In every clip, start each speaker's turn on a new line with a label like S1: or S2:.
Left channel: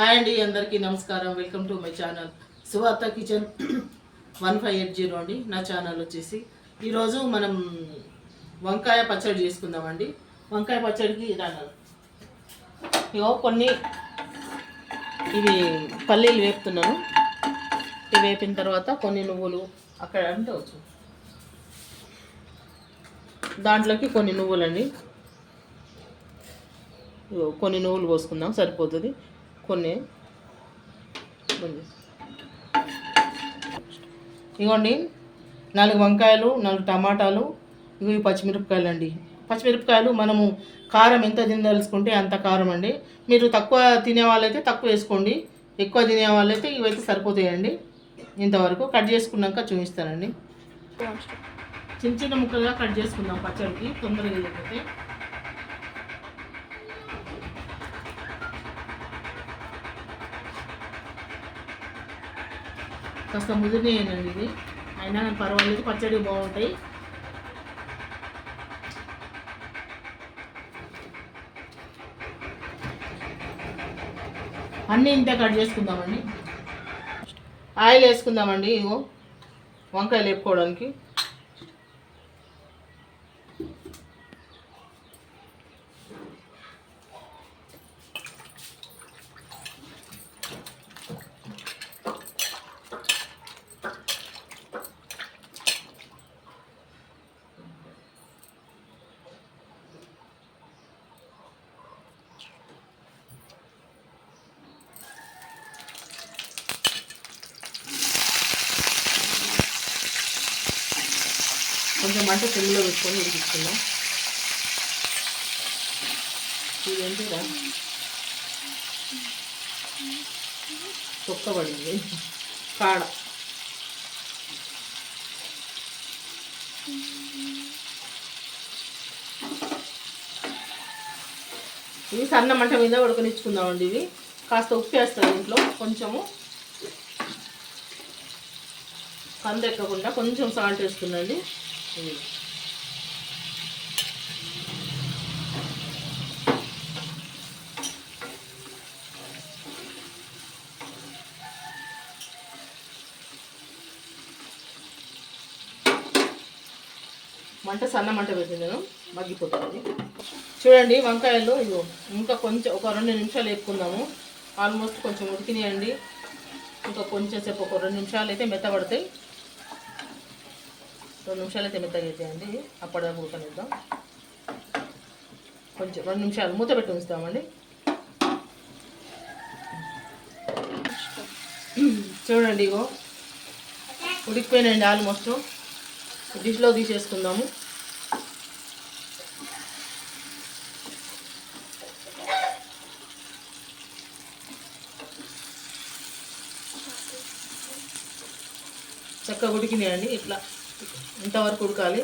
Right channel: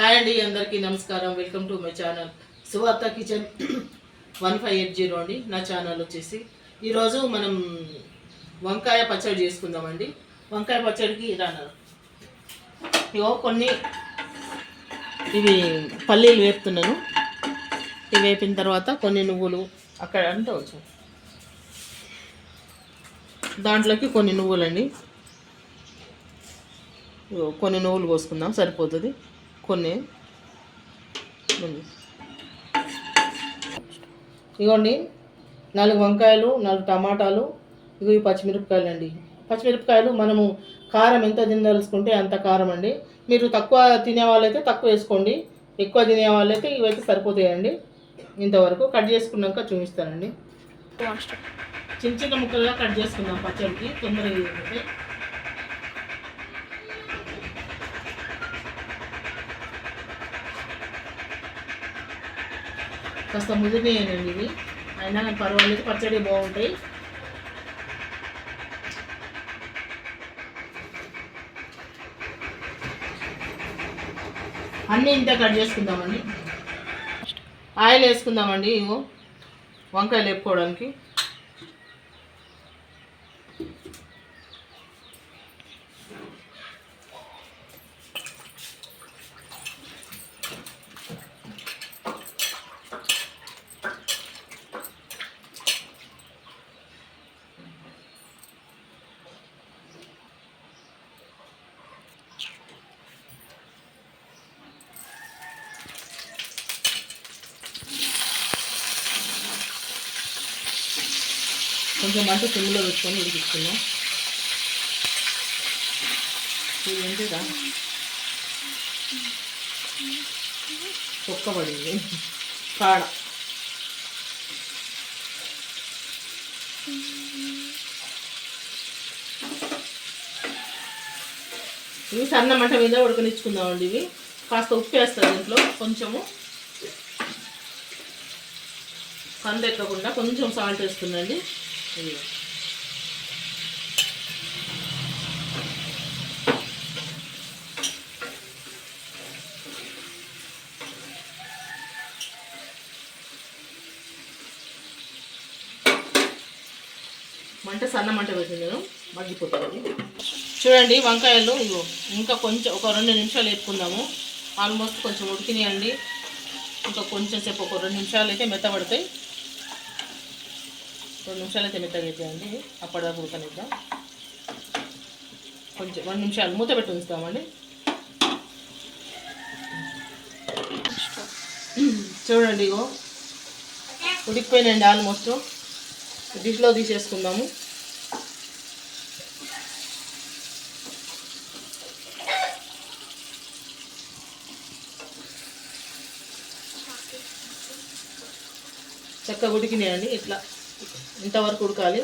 S1: Hi అండి అందరికీ నమస్కారం. Welcome to my channel Suvartha kitchen. One five eight zero అండి నా ఛానల్ వచ్చేసి. ఈరోజు మనం వంకాయ పచ్చడి చేసుకుందామండి. వంకాయ పచ్చడికి ఇలా ఇవో కొన్ని ఇవి పల్లీలు వేపుతున్నాను. ఇవి వేపిన తర్వాత కొన్ని నువ్వులు అక్కడ అంటే వచ్చు. దాంట్లోకి కొన్ని నువ్వులండి. కొన్ని నువ్వులు పోసుకుందాం సరిపోతుంది. కొన్ని. ఇగోండి నాలుగు వంకాయలు నాలుగు టమాటాలు ఇవి పచ్చిమిరపకాయలు అండి పచ్చిమిరపకాయలు మనము కారం ఎంత తినదలుచుకుంటే అంత కారం అండి మీరు తక్కువ తినే వాళ్ళైతే తక్కువ వేసుకోండి. ఎక్కువ తినే వాళ్ళైతే ఇవైతే సరిపోతాయండి. ఇంతవరకు కట్ చేసుకున్నాక చూపిస్తానండి. చిన్న చిన్న ముక్కలుగా కట్ చేసుకుందాం పచ్చడికి. తొందరగా కాస్త ముదిరినాయండి ఇవి. అయినా కానీ పర్వాలేదు పచ్చడి బాగుంటాయి. అన్నీ ఇంత కట్ చేసుకుందామండి. ఆయిల్ వేసుకుందామండి ఇగో. వంకాయలు వేపుకోవడానికి. కొంచెం మంట సిమ్లో పెట్టుకొని ఉడికించుకుందాం ఇదేంటిదా ఏంటిదా తొక్క పడింది కాడ. ఇవి సన్న మంట మీద ఉడకనిచ్చుకుందామండి ఇవి. కాస్త ఉప్పు వేస్తారు దీంట్లో కొంచెము. కందెక్కకుండా కొంచెం సాల్ట్ వేస్తుందండి మంట సన్న మంట పెట్టింది నేను మగ్గిపోతుంది. చూడండి వంకాయలు ఇగో ఇంకా కొంచెం ఒక రెండు నిమిషాలు వేపుకుందాము. ఆల్మోస్ట్ కొంచెం ఉడికినాయండి. ఇంకా కొంచెం సేపు ఒక రెండు నిమిషాలు అయితే మెత్తబడతాయి. రెండు నిమిషాలు అయితే మెత్తగా అయిపోయండి అప్పటిదాకా ఉడకనిద్దాం. కొంచెం రెండు నిమిషాలు మూత పెట్టి ఉంచుతామండి చూడండి ఇగో. ఉడికిపోయినండి ఆల్మోస్ట్ డిష్లో తీసేసుకుందాము. చక్కగా ఉడికినాయండి. ఇట్లా ఇంతవరకు ఉడకాలి.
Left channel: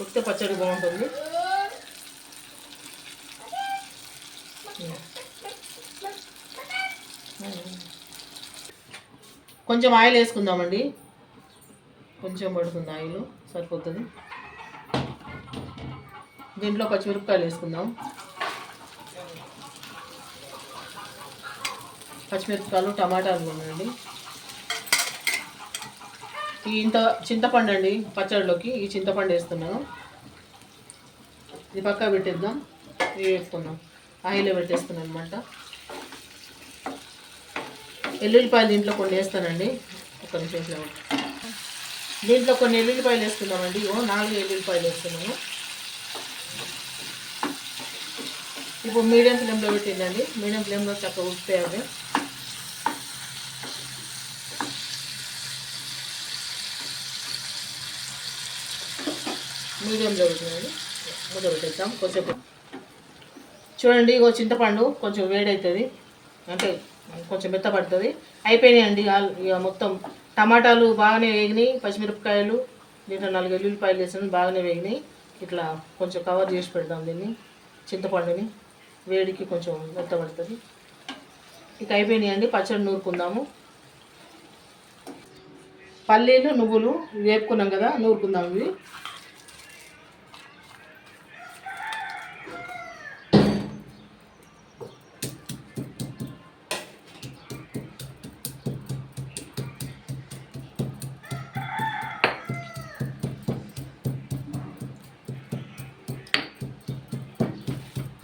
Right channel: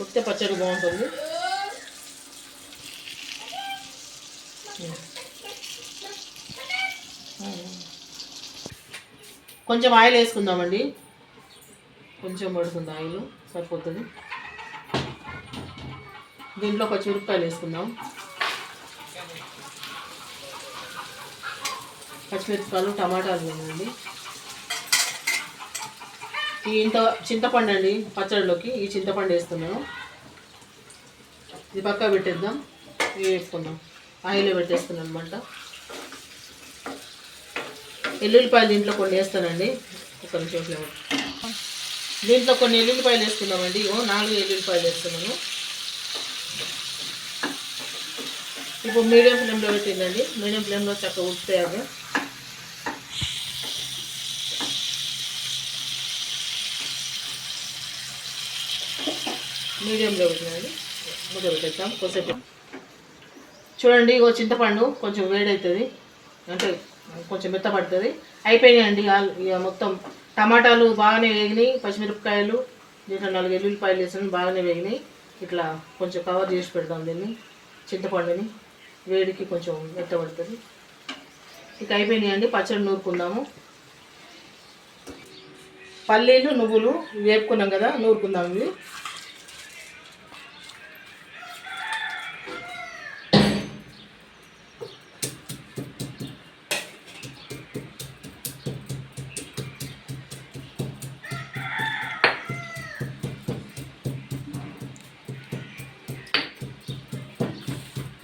S1: ఉడికితే పచ్చడి బాగుంటుంది. కొంచెం ఆయిల్ వేసుకుందామండి. కొంచెం పడుతుంది ఆయిల్ సరిపోతుంది. దీంట్లో పచ్చిమిరపకాయలు వేసుకుందాం. పచ్చిమిరపకాయలు టమాటాలు ఉన్నాయండి ఈ ఇంత చింతపండు అండి పచ్చడిలోకి ఈ చింతపండు వేస్తున్నాను. ఇది పక్క పెట్టేద్దాం. ఇవి వేసుకుందాం. ఆయిల్ పెట్టేస్తున్నాను అనమాట ఎల్లుల్లిపాయలు దీంట్లో కొన్ని వేస్తానండి. ఒక నిమిషం దీంట్లో కొన్ని ఎల్లుల్లిపాయలు వేస్తున్నామండి ఓ నాలుగు ఎల్లుల్లిపాయలు వేస్తున్నాను. ఇప్పుడు మీడియం ఫ్లేమ్లో పెట్టిందండి మీడియం ఫ్లేమ్లో చక్కగా ఉడితే మీడియంలో పెట్టినండి మూత పెట్టేద్దాం కొంచెం చూడండి ఇగో చింతపండు కొంచెం వేడవుతుంది అంటే కొంచెం మెత్తపడుతుంది అయిపోయినాయండి ఇక మొత్తం టమాటాలు బాగానే వేగినాయి. పచ్చిమిరపకాయలు దీంట్లో నాలుగు ఎల్లుల్లిపాయలు వేసాను బాగానే వేగినాయి. ఇట్లా కొంచెం కవర్ చేసి పెడదాం దీన్ని చింతపండుని. వేడికి కొంచెం మెత్తపడుతుంది ఇక అయిపోయినాయండి పచ్చడి నూరుకుందాము. పల్లీలు నువ్వులు వేపుకున్నాం కదా నూరుకుందాం ఇవి.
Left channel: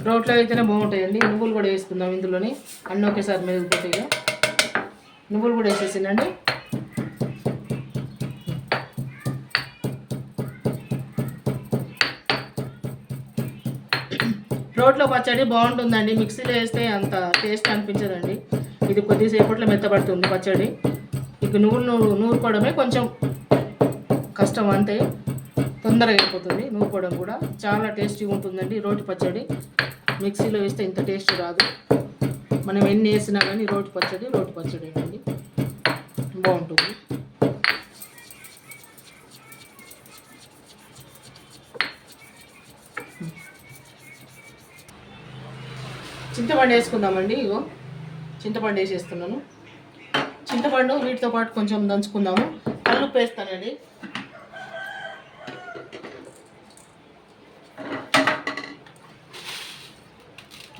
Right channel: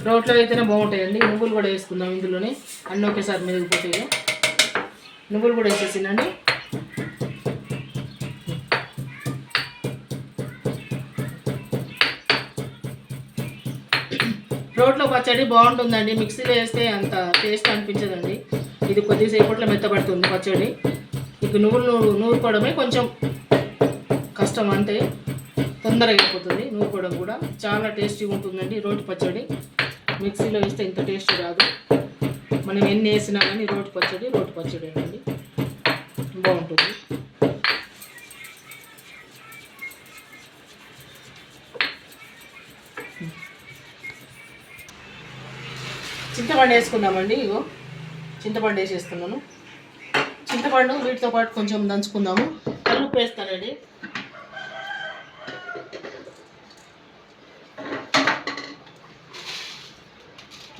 S1: రోట్లో అయితేనే బాగుంటాయండి. నువ్వులు కూడా వేసుకుందాం ఇందులోనే. అన్నీ ఒకేసారి మెరుగుపోతాయి నువ్వులు కూడా వేసేసిందండి రోట్లో పచ్చడి బాగుంటుందండి. మిక్సీలో వేస్తే అంత టేస్ట్ అనిపించదండి. ఇది కొద్దిసేపట్లో మెత్తబడుతుంది పచ్చడి. ఇక నువ్వులు నూరు నూరుకోవడమే కొంచెం కష్టం అంటే తొందరగా అయిపోతుంది నూరుకోవడం కూడా. చాలా టేస్టీగా ఉంటుందండి రోటి పచ్చడి. మిక్సీలో వేస్తే ఇంత టేస్ట్ రాదు. మనం ఎన్ని వేసినా కానీ రోటి పచ్చడి రోటి పచ్చడి అండి. బాగుంటుంది. చింతపండు వేసుకుందామండి ఇగో. చింతపండు వేసేస్తున్నాను. చింతపండు వీటితో పాటు కొంచెం దంచుకుందాము. కల్లుప్పు వేస్తానండి.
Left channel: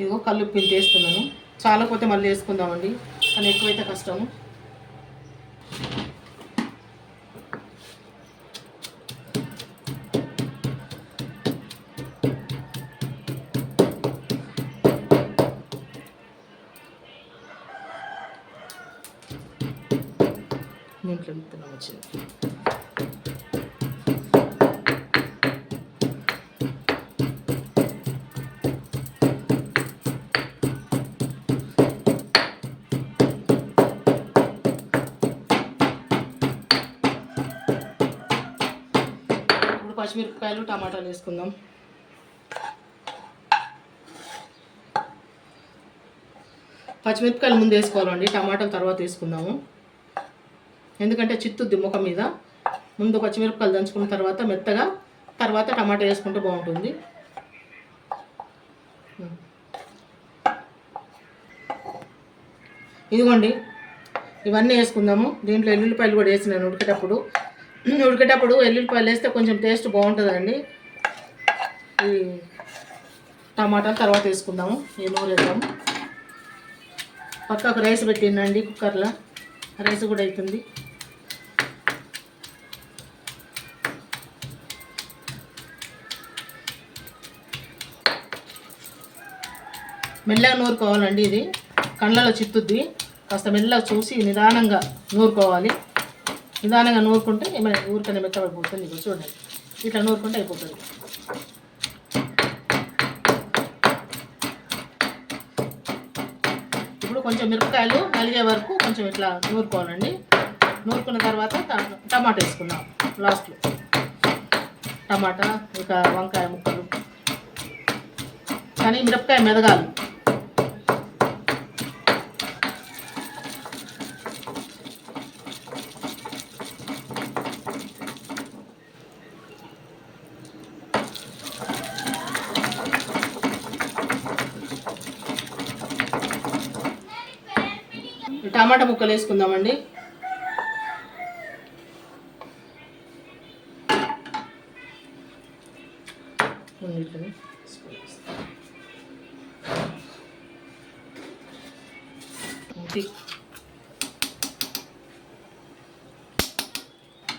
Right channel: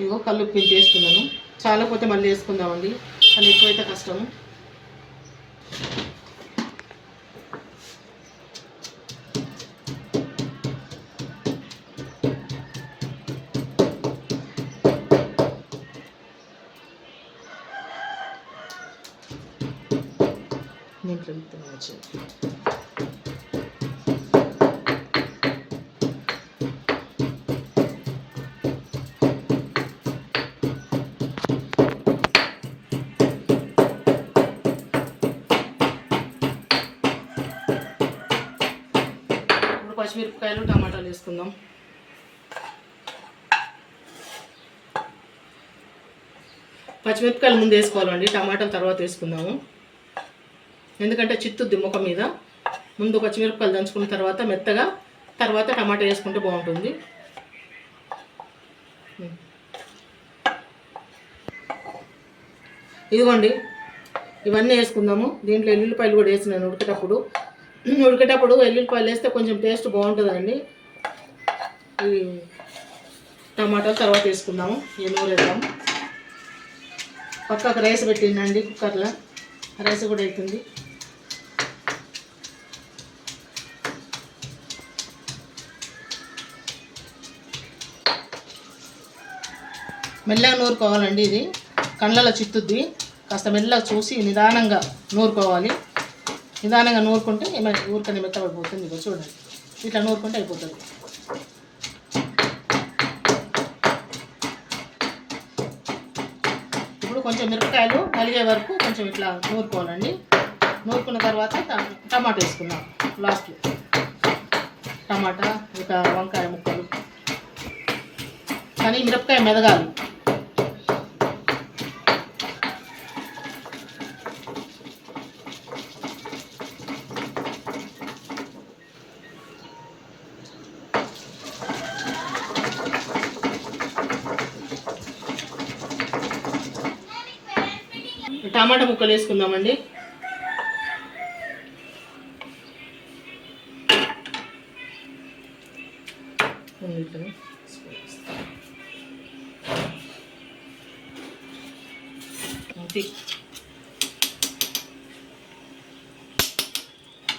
S1: ఇదిగో కల్లుప్పు ఇంత వేస్తున్నాను చాలా పోతే మళ్ళీ వేసుకుందామండి. కానీ ఎక్కువైతే కష్టము. దీంట్లో విత్తనం వచ్చింది పచ్చిమిరపకాయలు టమాటాలు వేసుకుందాం. పచ్చిమిరపకాయలు ముందు వేసుకోవాలండి టమాటాలు తర్వాత వేసుకుందాము. ఎందుకంటే చిత్తుద్ది ముఖం మీద. ముందు పచ్చిమిరపకాయలు దంచుకున్న తర్వాత మెత్తగా తర్వాత టమాటా వేసుకుంటే బాగుంటుంది. ఇదిగోండి ఇవన్నీ వేసుకుందాము. దీంట్లో ఎల్లుల్లిపాయలు కూడా వేసినాను ఉడికేటప్పుడు ఉడికేటప్పుడు ఎల్లుల్లిపాయలు వేస్తే కొంచెం టేస్ట్ బాగుంటుందండి. ఈ టమాటాలు తర్వాత వేసుకుందాము ఈ నూనె పక్కకు రైస్ పెట్టిందండి కుక్కర్లో రైస్ కూడా అవుతుంది మెల్లగా నూరుకోవాలండి ఇది. కళ్ళలో చిత్తుద్ది. కాస్త మెల్లగా చూసి నిదానంగా నూరుకోవాలి. నిదానంగా నూరుకుంటే ఏమైనా ఊరికనే మెత్తబడిపోతుంది ఇక చూడండి. ఇట్లా నూరుకుంటే అయిపోతుంది. ఇప్పుడు కొంచెం మిరపకాయలు నలిగే వరకు కొంచెం ఇట్లా నూరుకోవాలండి. నూరుకున్న తర్వాత ట- టమాటా వేసుకుందాం లాస్ట్లో. టమాటా ఇంకా వంకాయ ముక్కలు. కానీ మిరపకాయ మెదగాలి. టమాటా ముక్కలు వేసుకుందామండి.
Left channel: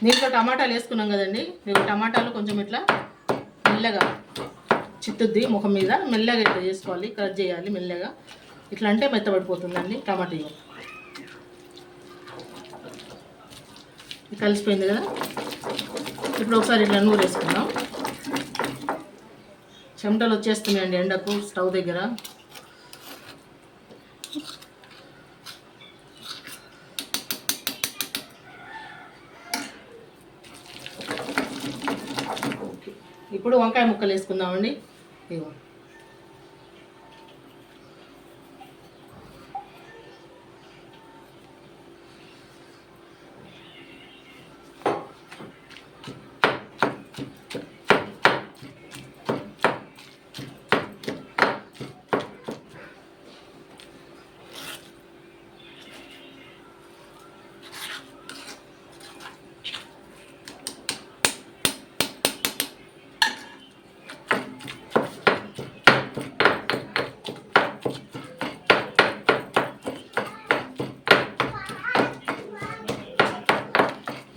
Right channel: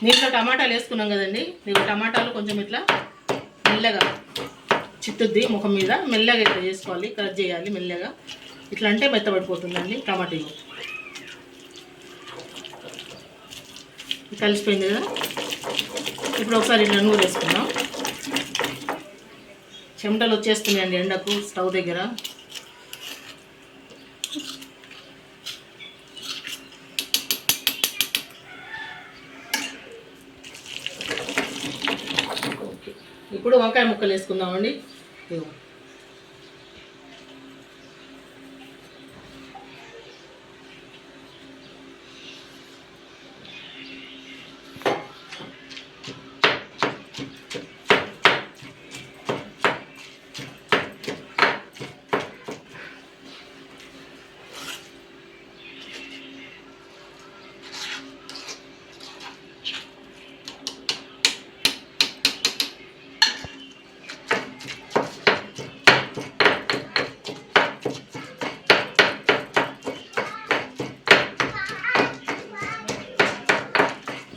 S1: దీంట్లో టమాటాలు వేసుకున్నాం కదండి. దీంట్లో టమాటాలు కొంచెం ఇట్లా మెల్లగా చిత్తుద్ది ముఖం మీద. మెల్లగా ఇట్లా చేసుకోవాలి కట్ చేయాలి మెల్లగా. ఇట్లా అంటే మెత్తబడిపోతుందండి టమాటా. కలిసిపోయింది కదా? ఇప్పుడు ఒకసారి ఇట్లా నూరు వేసుకుందాం. చెమటలు వచ్చేస్తున్నాయండి ఎండకు స్టవ్ దగ్గర. ఓకే. ఇప్పుడు వంకాయ ముక్కలు వేసుకుందామండి. ఇవ్వండి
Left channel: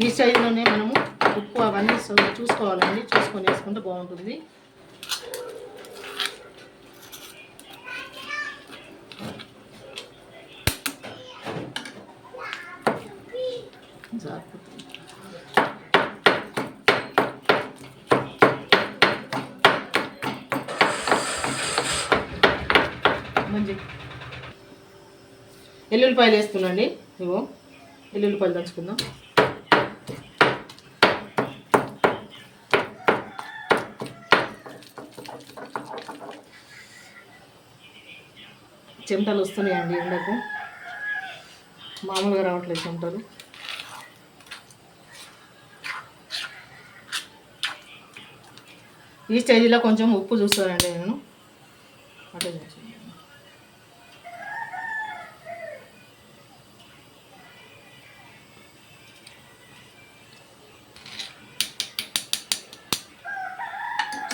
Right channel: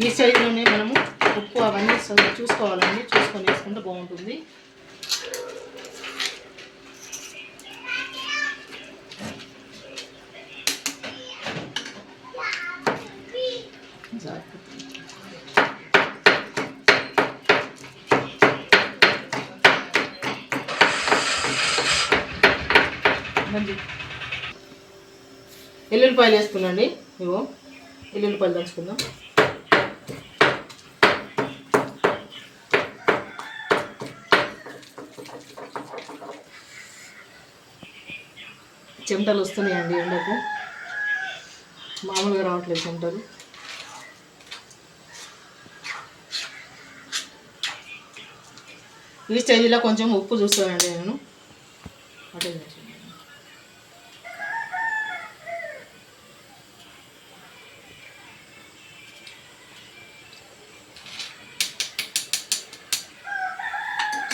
S1: ఈ సైజులోనే మనము ఉప్పు అవన్నీ చూసుకోవాలండి చూసుకొని వేసుకుంటే బాగుంటుంది. మంచి ఎల్లుల్లిపాయలు వేసుకున్నాండి. ఇవో ఎల్లుల్లిపాయలు దంచుకుందాం. చెమటలు వస్తున్నాయండి ఎండకు. మామూలుగా రావట్లేదు చెమటలు. ఈ స్టేజ్లో కొంచెం ఉప్పు చూస్తానండి నేను. అటే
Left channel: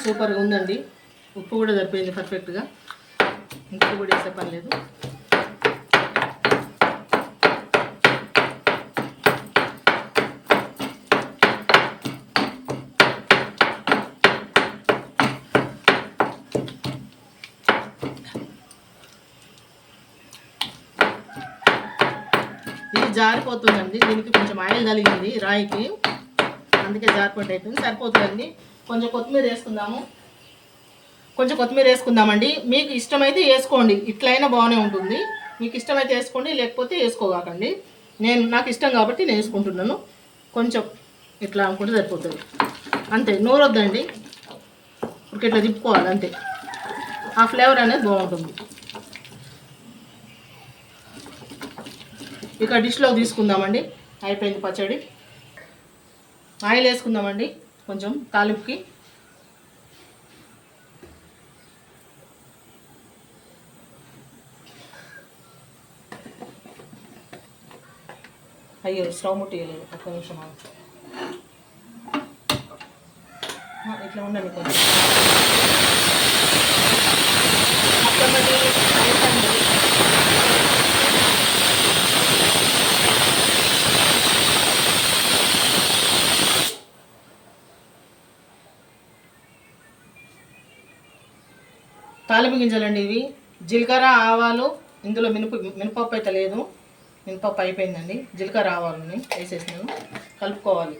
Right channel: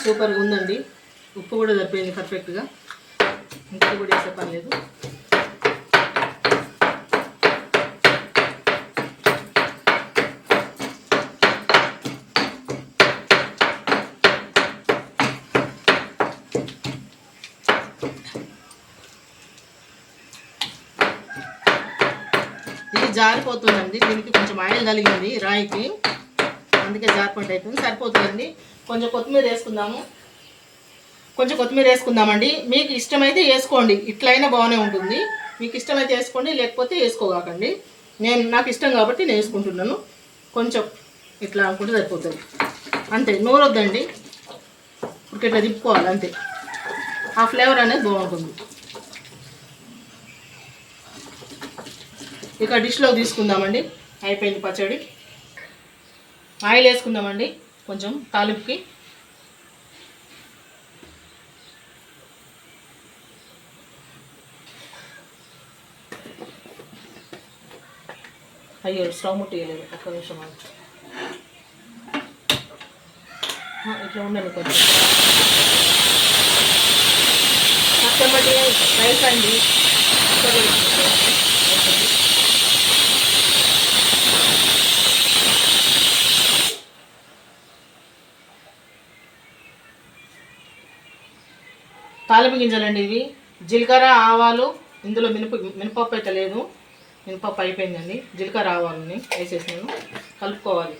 S1: సూపర్గా ఉందండి. ఉప్పు కూడా సరిపోయింది పర్ఫెక్ట్గా ఇంకా కూడా వేసే పని లేదు. ఇది జారిపోతుందండి. దీనికి కొంచెం ఆయిల్ కలిగింది రాయికి. అందుకే జారిపోటీ సరిపోతుందండి. కొంచెం కొత్తిమీర వేసుకుందాము. కొంచెం కొత్తిమీర వేసుకుందామండి. మీకు ఇష్టమైతే వేసుకోండి. ఇట్లయినా బాగానే ఉంటుంది. మీకు ఇష్టమైతే వేసుకోండి. లేకపోతే వేసుకోగాకండి. నేను నాకు ఇష్టం కాబట్టి నేను వేసుకుంటున్నాను. కొంచెం ఇట్లా అనుకుంటే సరిపోతుంది. అంతే నూరొద్దండి. ఇప్పుడు ఇట్లా తిప్పుకోవాలి అంతే. ఆ ఫ్లేవర్ అనేది బాగుంటుంది. ఇక డిష్లో తీసుకుందామండి. అయిపోయింది పచ్చడి. ఆయిల్ వేసుకుందామండి. కొంచెం తాలింపుకి. అయ్యో స్టవ్ ముట్టేయలేదు ఒక్క నిమిషం ఇట్లా ఉండండి కొంచెం. మొత్తం బట్టి రైస్ అండి తాలింపు గింజలండి ఇవి. జీలకర్ర ఆవాలు ఇందులో మినప మినపప్పు అయితే లేదు. మినపప్పు అయిపోయిందండి. జీలకర్ర ఆవాలని వేసేసినాను. కలుపుకోవాలి.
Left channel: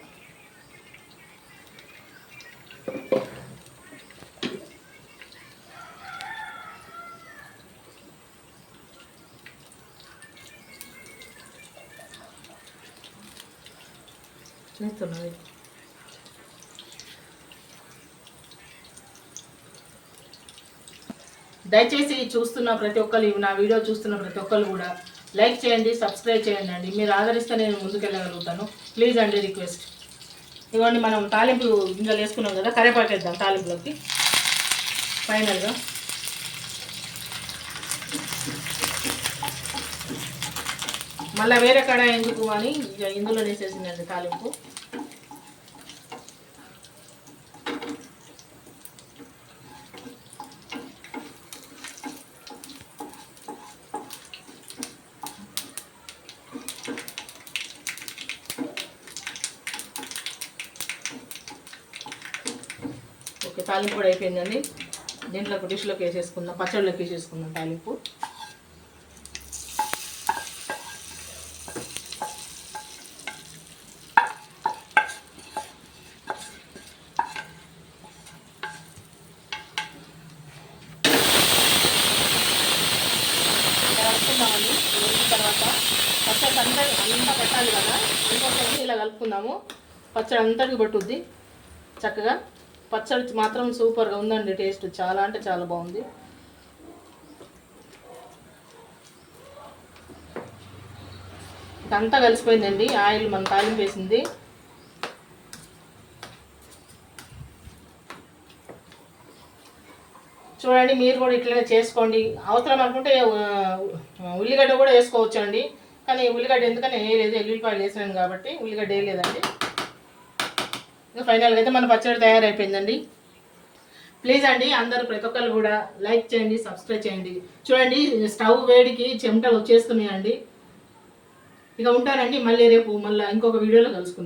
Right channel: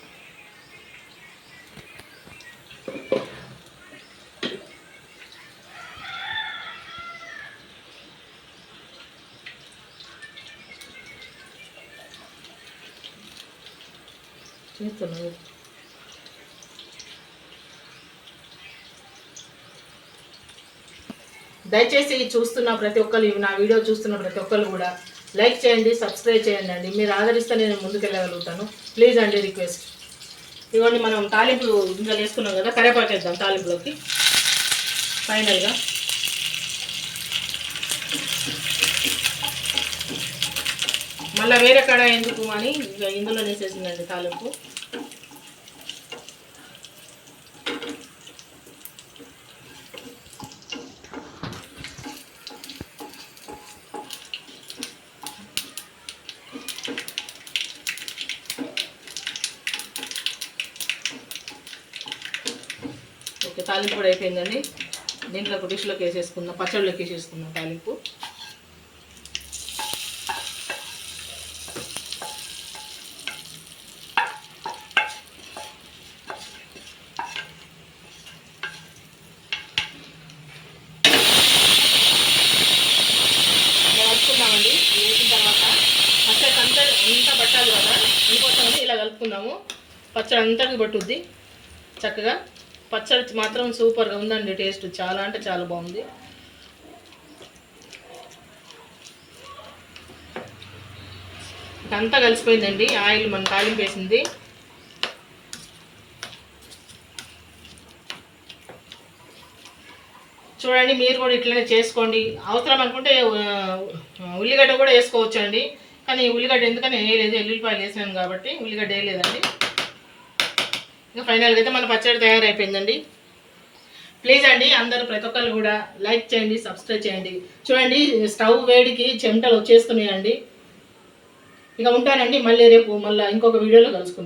S1: దయచేసి ఇది చూస్తున్న ప్రతి ఒక్కరు ఇవి నా వీడియో చూస్తున్న ప్రతి ఒక్కరు కూడా లైక్ చేయండి సబ్స్క్రైబ్ చేయండి. అండి మీరు ఆదరిస్తే నేను ముందుకెళ్ళగలుగుతాను. ప్లీజ్ అండి రిక్వెస్ట్. ఇవ్వండి మనం తాలింపులు గింజలు వేసుకున్నాం కదా కరేపాటు వేద్దాం తాలింపులోకి. ఫైనల్గా. మళ్ళీ వేరే కడ ఎందుకు అని ఇక ఇందులో వేసేసిందండి తాలింపు. తాలింపు కూడా అయిపోయిందండి. దీంట్లో ఒక డిష్లోకి వేసేసుకుందాం. పచ్చడిలోకి వేసేసుకుందాం తాలింపు. ఇలా కలుపుకుందామండి. వేసిన తర్వాత పచ్చడి అంతా అంతా పట్టాలి కదా. అందుకోసమని ఇలా కలుపుకుందాము. పచ్చడి అంతటికి పట్టుద్ది. చక్కగా. పచ్చడి మాత్రం సూపర్గా ఉందండి టేస్ట్ చాలా అంటే చాలా బాగుంది. అంతా కలిసిపోయిందండి ఆయిల్ మన తాలింపు వేసింది. చూడండి మీరు కూడా ఇట్లనే చేసుకోండి. అవసరం అనుకుంటే ఉల్లిగడ్డ కూడా వేసుకోవచ్చు అండి కానీ ఉల్లిగడ్డ ఎందుకని వేయలేదు ఎల్లుల్లిపాయలు వేసాను కాబట్టి ఉల్లిగడ్డ వేయలేదండి. ఇంకా ఫైనల్గా అయితే మన పచ్చడి తయారైపోయిందండి. ప్లీజ్ అండి అందరూ ప్రతి ఒక్కరు కూడా లైక్ చేయండి సబ్స్క్రైబ్ చేయండి. చూడండి స్టవ్ వేడికి చెమటలు వచ్చేస్తున్నాయండి. ఇక ఉంటానండి మళ్ళీ రేపు మళ్ళీ ఇంకొక వీడియోలో కలుసుకుందాం.